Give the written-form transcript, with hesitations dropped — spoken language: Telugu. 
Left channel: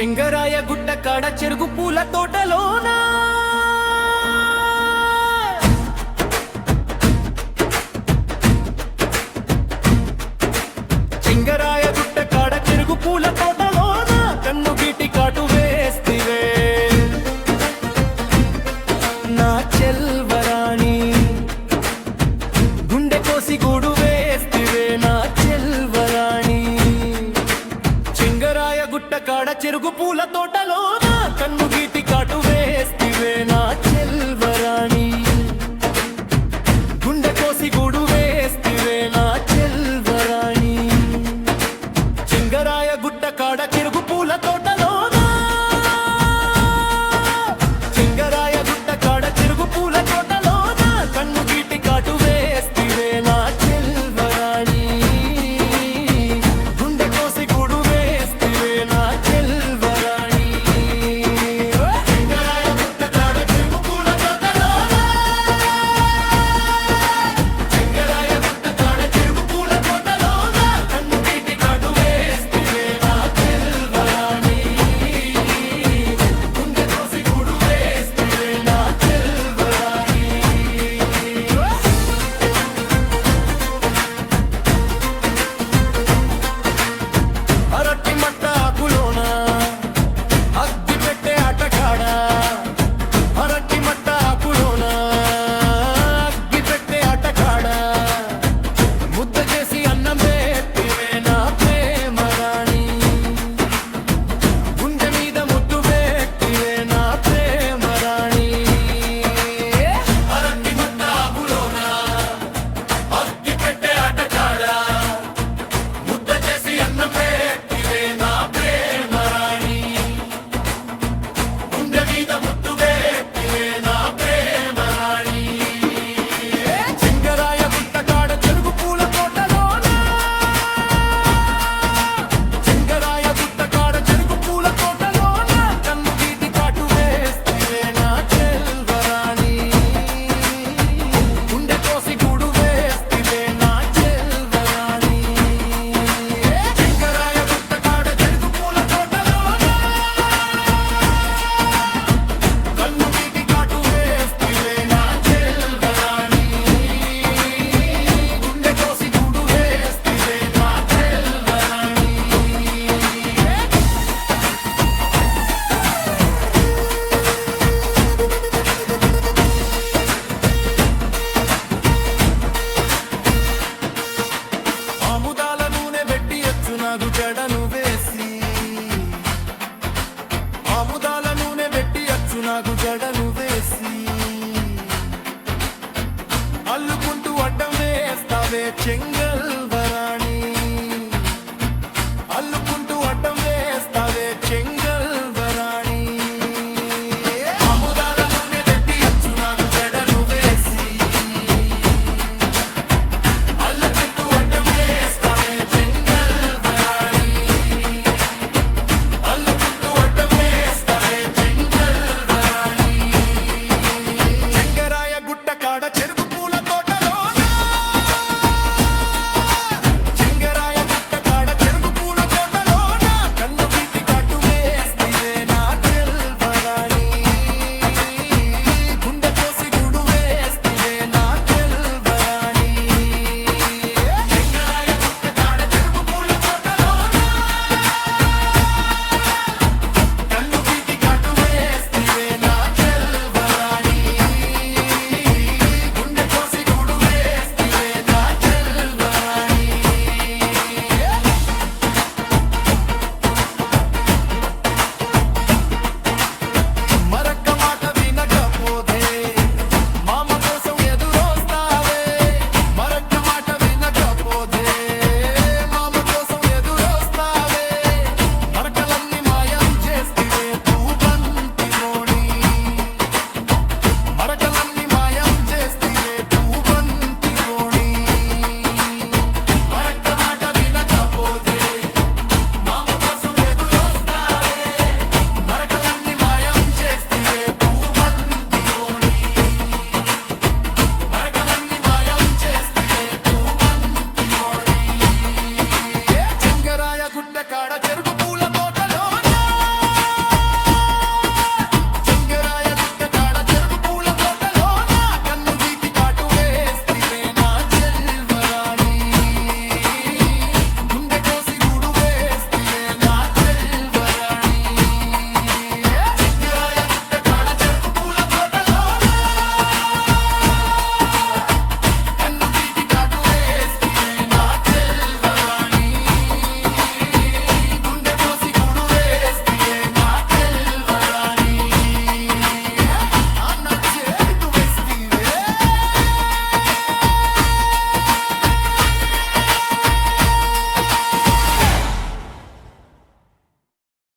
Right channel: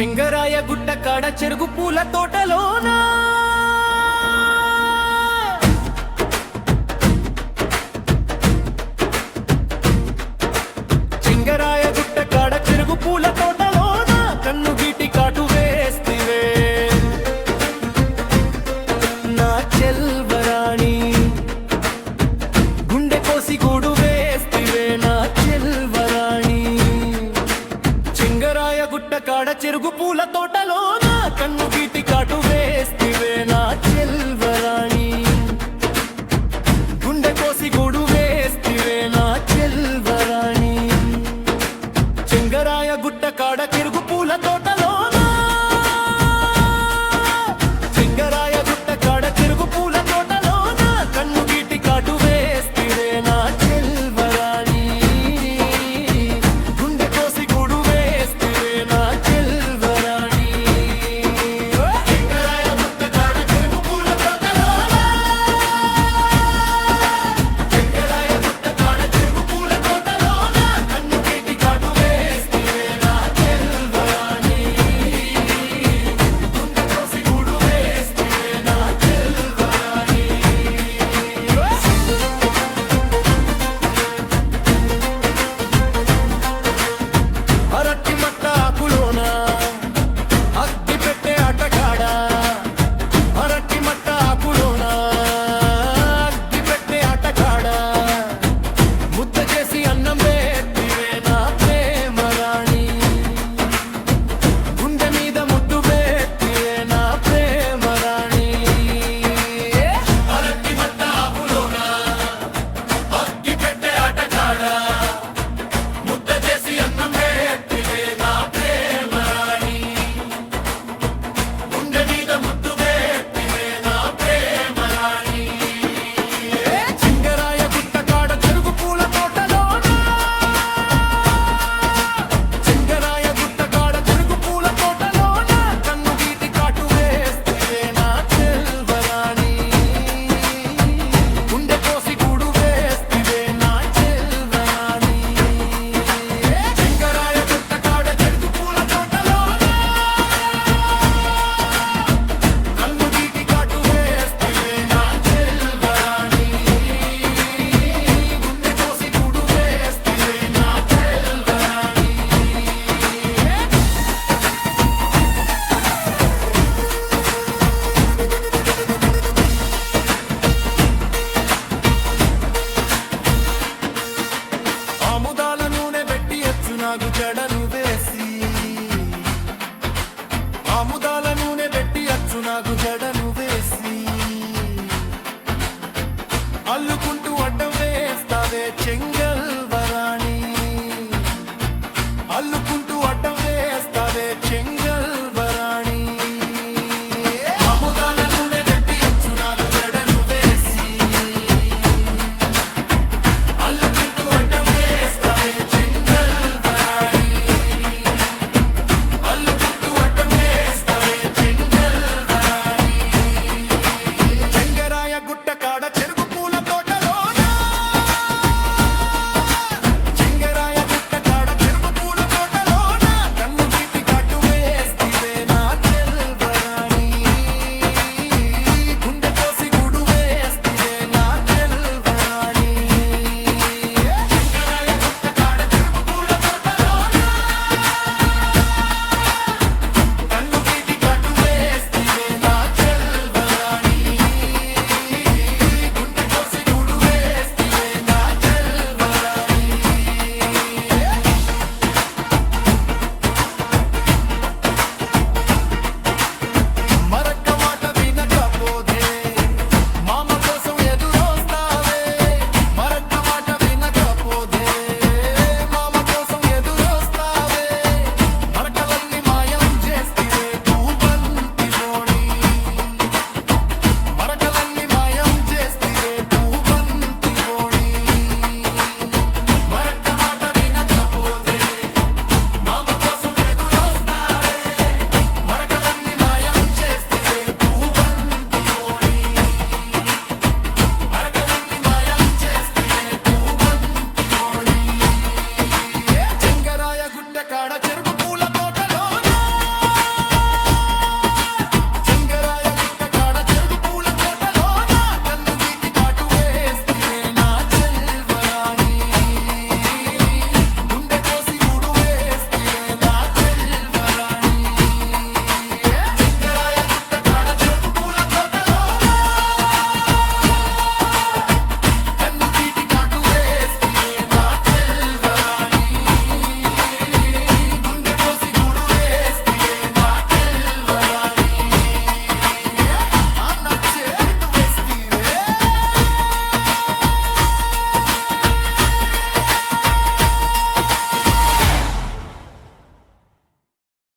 చెంగరాయ గుట్ట కాడ చెరుకు పూల తోటలోనా చెంగరాయ గుట్ట కాడ చెరుకు పూల తోటలోనా కన్ను గీటి కాటు వేస్తివే నా చెల్వరాణి గుండె కోసి గూడు వేస్తివే నా చెల్వరాణి చెంగరాయ గుట్ట కాడ చెరుకు పూల తోటలోన కన్ను గీటి కాటు వేస్తివే నా చెల్వరాణి గుండె కోసి గూడు వేస్తివే నా చెల్వరాణి చెంగరాయ గుట్ట కాడ చెరుకు పూల తోటలోన చెంగరాయ గుట్ట కాడ చెరుకు పూల తోటలోన కన్ను గీటి కాటు వేస్తివే నా చెల్వరాణి గుండె కోసి గూడు వేస్తివే నా చెల్వరాణి చెంగరాయ గుట్ట కాడ చెరుకు పూల తోటలోన చెంగరాయ గుట్ట కాడ చెరుకు పూల తోటలోన కన్ను గీటి కాటు వేస్తివే నా చెల్వరాణి గుండె కోసి గూడు వేస్తివే నా చెల్వరాని అరటి మట్ట ఆకులోన అగ్గి పెట్టే ఆటకాడ అరటి మట్ట ఆకులోన అగ్గి పెట్టే ఆటకాడ ముద్ద చేసి అన్నం పెట్టివే నా ప్రేమ రాణి గుండె మీద ముద్దు పెట్టివే నా ప్రేమ రాణి అరటి మట్ట ఆకులోన అగ్గి పెట్టే ఆటకాడ ముద్ద చేసి అన్నం పెట్టివే నా ప్రేమ రాణి గుండె మీద ముద్దు పెట్టివే నా ప్రేమ రాణి చెంగరాయ గుట్ట కాడ చెరుకు పూల తోటలోన చెంగరాయ గుట్ట కాడ చెరుకు పూల తోటలోన కన్ను గీటి కాటు వేస్తివే నా చెల్వరాణి గుండె కోసి గూడు వేస్తివే నా చెల్వరాణి చెంగరాయ గుట్ట కాడ చెరుకు పూల తోటలోన కన్ను గీటి కాటు వేస్తివే నా చెల్వరాణి గుండె కోసి గూడు వేస్తివే నా చెల్వరాణి ఆముదాల నూనె పెట్టియచ్చు నాకు జడను వేసి ఆముదాల నూనె పెట్టియచ్చు నాకు జడను వేసి అల్లుకుంటూ అడ్డం వేస్తావే చెంగల్వరాణి అల్లుకుంటూ అడ్డం వేస్తావే చెంగల్